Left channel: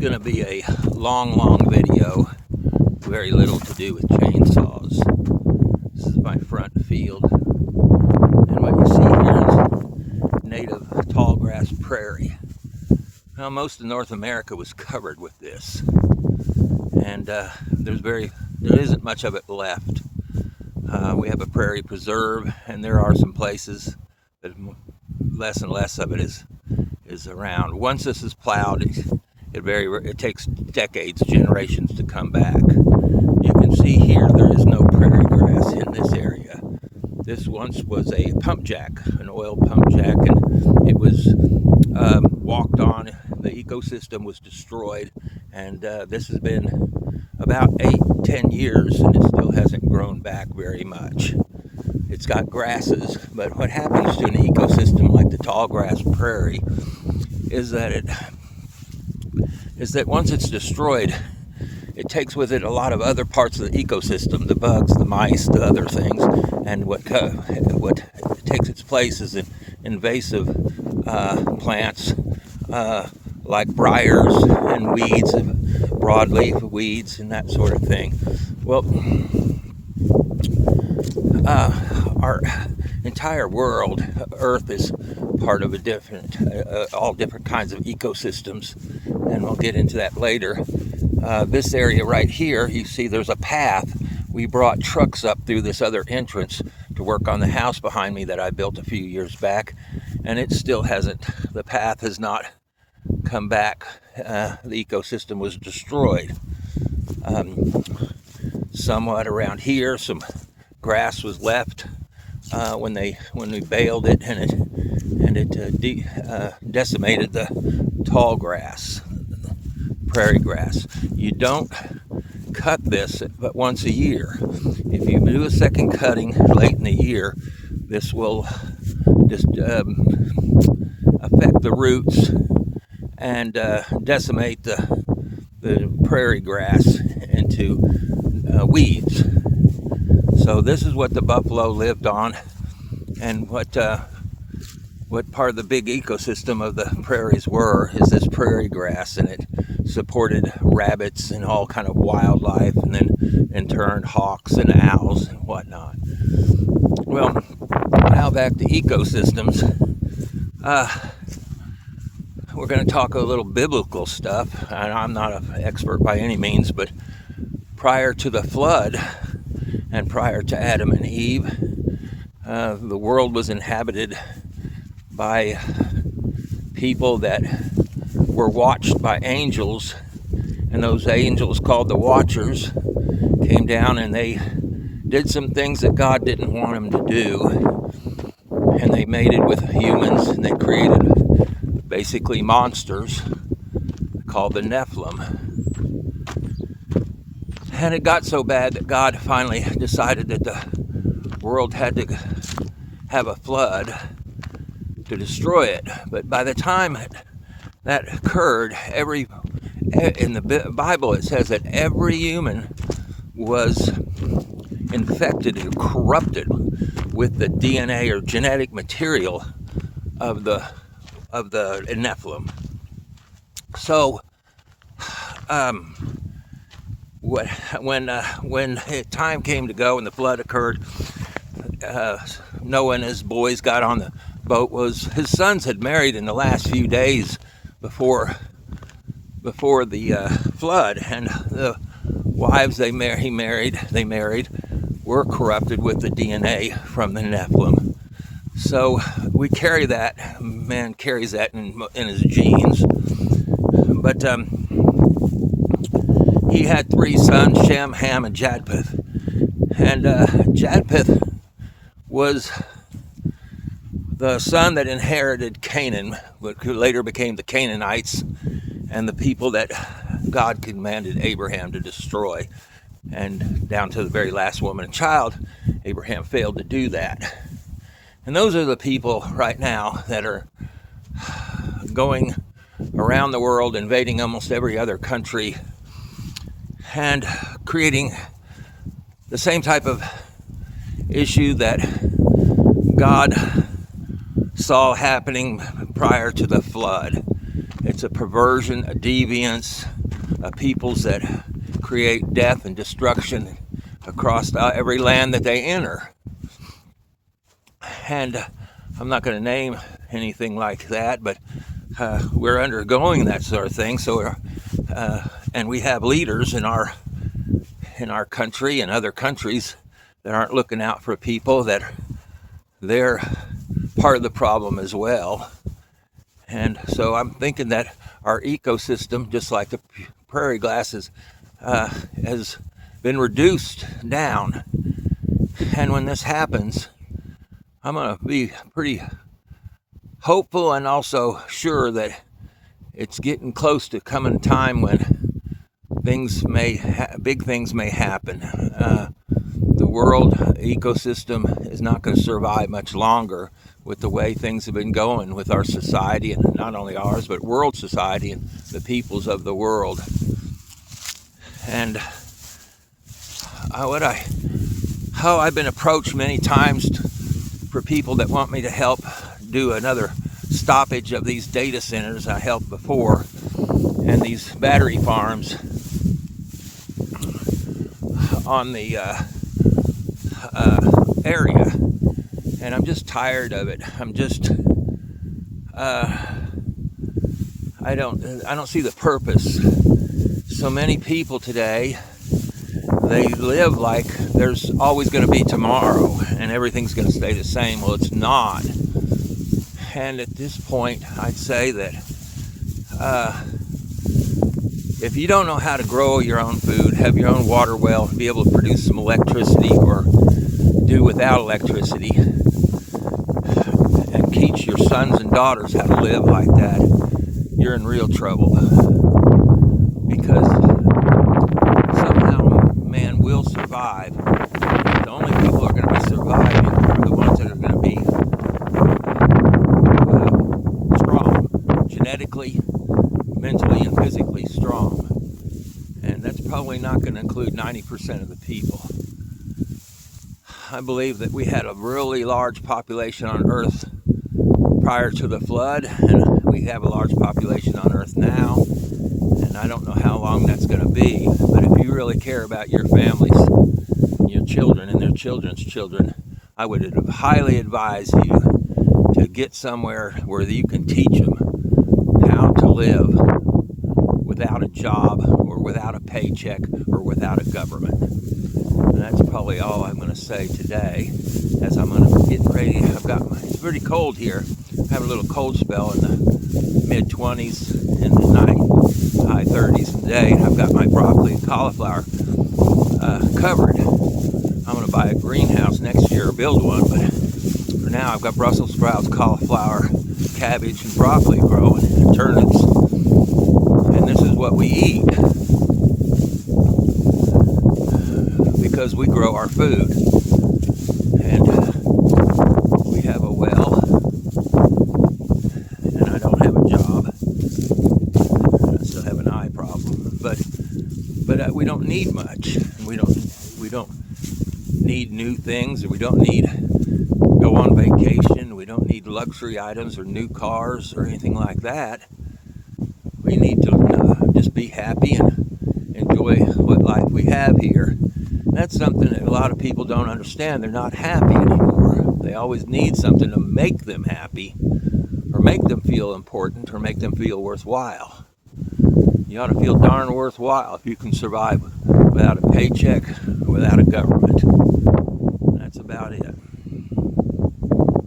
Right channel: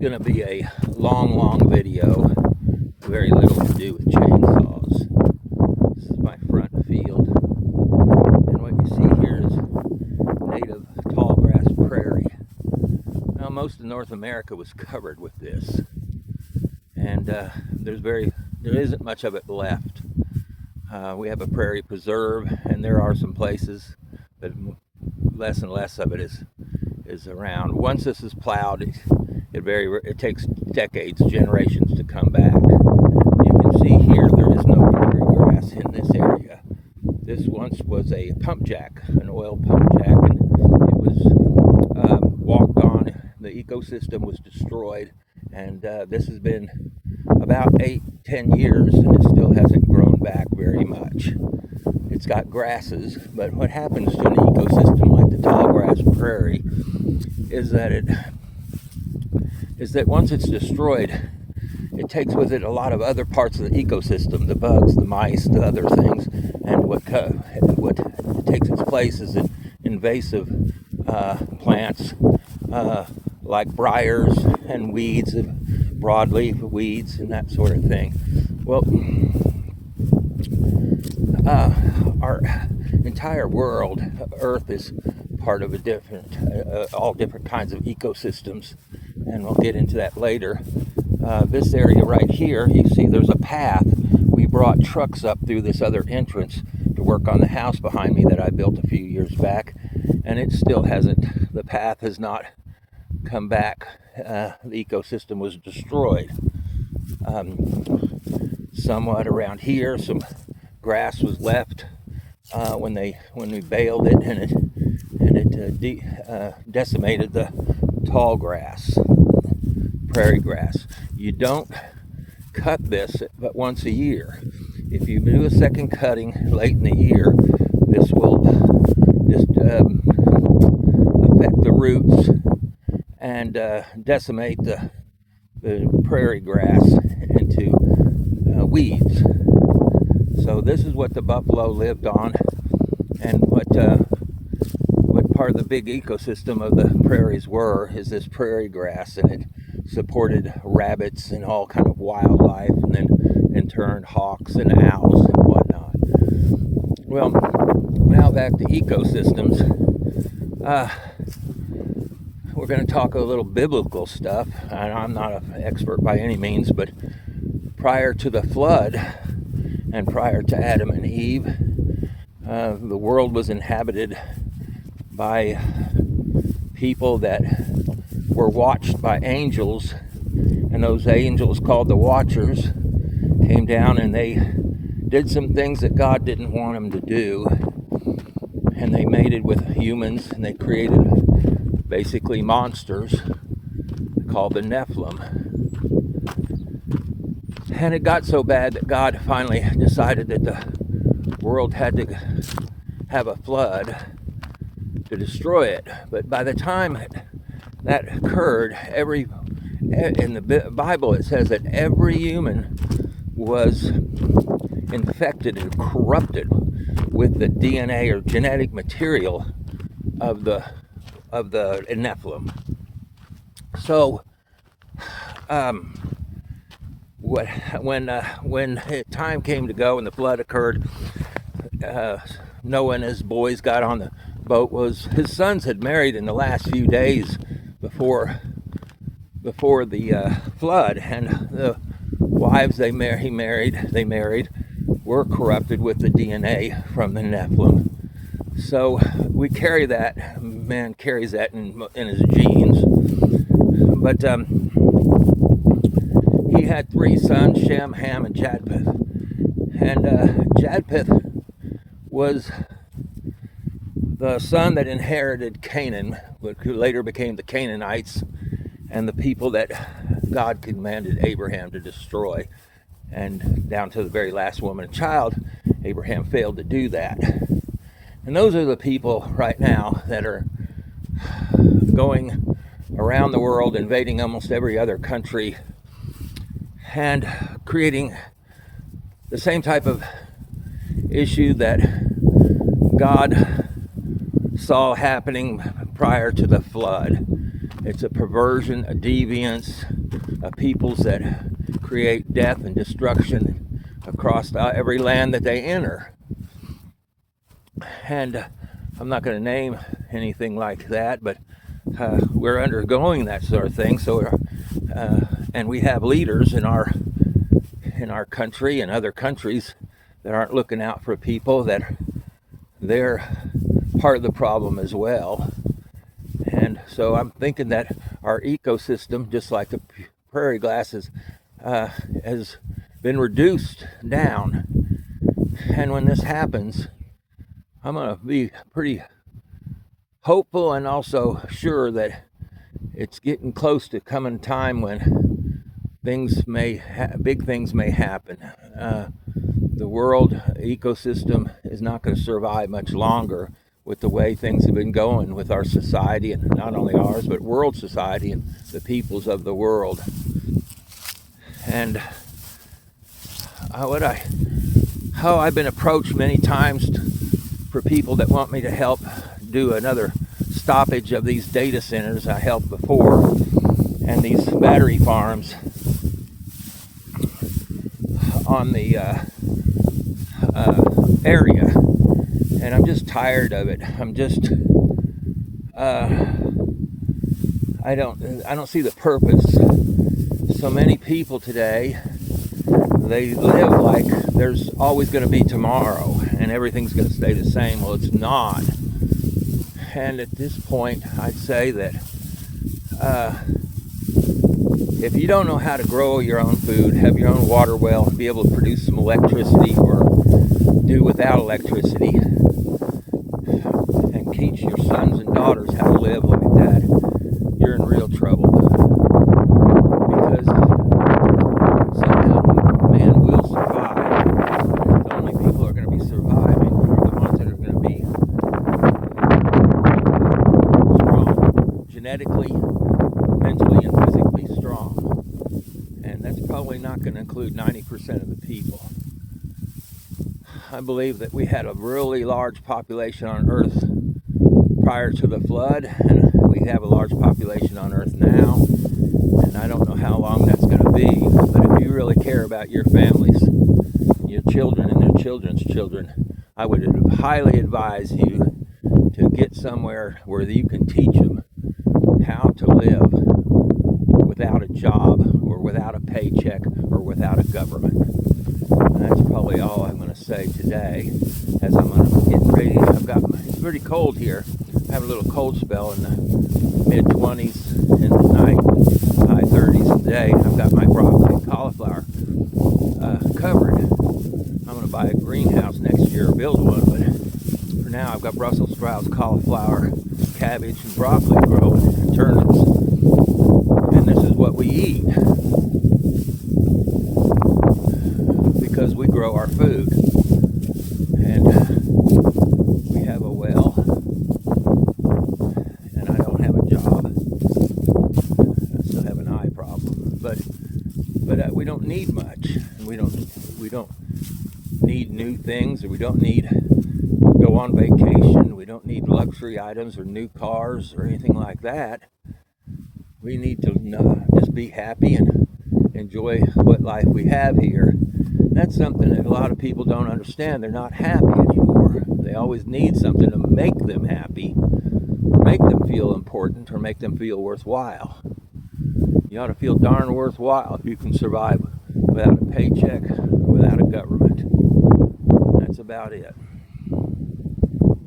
going to be a long video, very little to do with chainsaws. This is my front field, and what you see here is native tall grass prairie. Now, most of North America was covered with this, and there isn't much of it left. We have a prairie preserve, and there are some places, but less and less of it is around. Once this is plowed, it takes decades, generations to come back. You can see here there is no prairie grass in this area. This once was a pump jack, an oil pump jack, and it was walked on. The ecosystem was destroyed, and this has been about 8-10 years, and it still hasn't grown back very much. It's got grasses, but what happens to an ecosystem like the tall grass prairie is that once it's destroyed, it takes with it a lot of other parts of the ecosystem, the bugs, the mice, the other things, and what takes its place is invasive plants like briars and weeds, broadleaf weeds, and that sort of thing. Well, our entire world, Earth, is part of all different kinds of ecosystems, and we'll get into that later. This area right here, you see there's a path. We brought trucks up through this other entrance to work on the house behind me that I built a few years back, and it still hasn't, the path has not come back. The ecosystem was destroyed. Somewhat around here, some grass was left when we baled it, and it decimated the tall grass, prairie grass. You don't cut this but once a year. If you do a second cutting late in the year, this will just affect the roots and decimate the prairie grass into weeds. So this is what the buffalo lived on, and what part of the big ecosystem of the prairies is this prairie grass, and it supported rabbits and all kind of wildlife, and then in turn hawks and owls and whatnot. Well, now back to ecosystems. We're going to talk a little biblical stuff, and I'm not an expert by any means, but prior to the flood and prior to Adam and Eve, the world was inhabited by people that were watched by angels, and those angels, called the Watchers, came down and they did some things that God didn't want them to do, and they mated with humans, and they created basically monsters called the Nephilim. And it got so bad that God finally decided that the world had to have a flood to destroy it. But by the time that occurred, in the Bible it says that every human was infected and corrupted with the DNA or genetic material of the Nephilim. So when time came to go and the flood occurred, Noah and his boys got on the boat. His sons had married in the last few days before the flood, and the wives they married were corrupted with the DNA from the Nephilim. So we carry that. Man carries that in his genes. But he had 3 sons: Shem, Ham, and Japheth. And Japheth was the son that inherited Canaan, who later became the Canaanites, and the people that God commanded Abraham to destroy. And down to the very last woman and child, Abraham failed to do that. And those are the people right now that are going around the world, invading almost every other country, and creating the same type of issue that God saw happening prior to the flood. It's a perversion, a deviance, a peoples that create death and destruction across every land that they enter. And I'm not going to name anything like that, but we're undergoing that sort of thing. So, and we have leaders in our country and other countries that aren't looking out for people, that they're part of the problem as well. And so I'm thinking that our ecosystem, just like the prairie grasses, has been reduced down. And when this happens, I'm going to be pretty hopeful and also sure that it's getting close to coming time when big things may happen. The world ecosystem is not going to survive much longer with the way things have been going with our society, and not only ours, but world society and the peoples of the world. And I've been approached many times for people that want me to help do another stoppage of these data centers I helped before, and these battery farms on the area. And I'm just tired of it. I'm just I don't see the purpose. So many people today, they live like there's always going to be tomorrow and everything's going to stay the same. Well, it's not. And at this point, I'd say that if you don't know how to grow your own food, have your own water well, and be able to produce some electricity or do without electricity, and teach your sons and daughters how to live like that, you're in real trouble. Because somehow man will survive. The only people who are going to be surviving are the ones that are going to be strong, genetically, mentally, and physically strong. And that's probably not going to include 90% of the people. I believe that we had a really large population on Earth prior to the flood, and we have a large population on Earth now, and I don't know how long that's going to be. But if you really care about your families, your children and their children's children, I would highly advise you to get somewhere where you can teach them how to live without a job or without a paycheck or without a government. And that's probably all I'm going to say today, as I'm going to get ready. It's pretty cold here. I have a little cold spell in the mid-20s in the night, high 30s in the day. I've got my broccoli and cauliflower covered. I'm going to buy a greenhouse next year or build one, but for now I've got Brussels sprouts, cauliflower, cabbage, and broccoli growing, and turnips. And this is what we eat, because we grow our food. And we have a well, and I don't have a job. I still have an eye problem, but we don't need much. We don't need new things, or we don't need go on vacation. We don't need luxury items or new cars or anything like that. We need to just be happy and enjoy what life we have here. That's something that a lot of people don't understand. They're not happy anymore. They always need something to make them happy, or make them feel important, or make them feel worthwhile. You ought to feel darn worthwhile if you can survive without a paycheck or without a government. That's about it.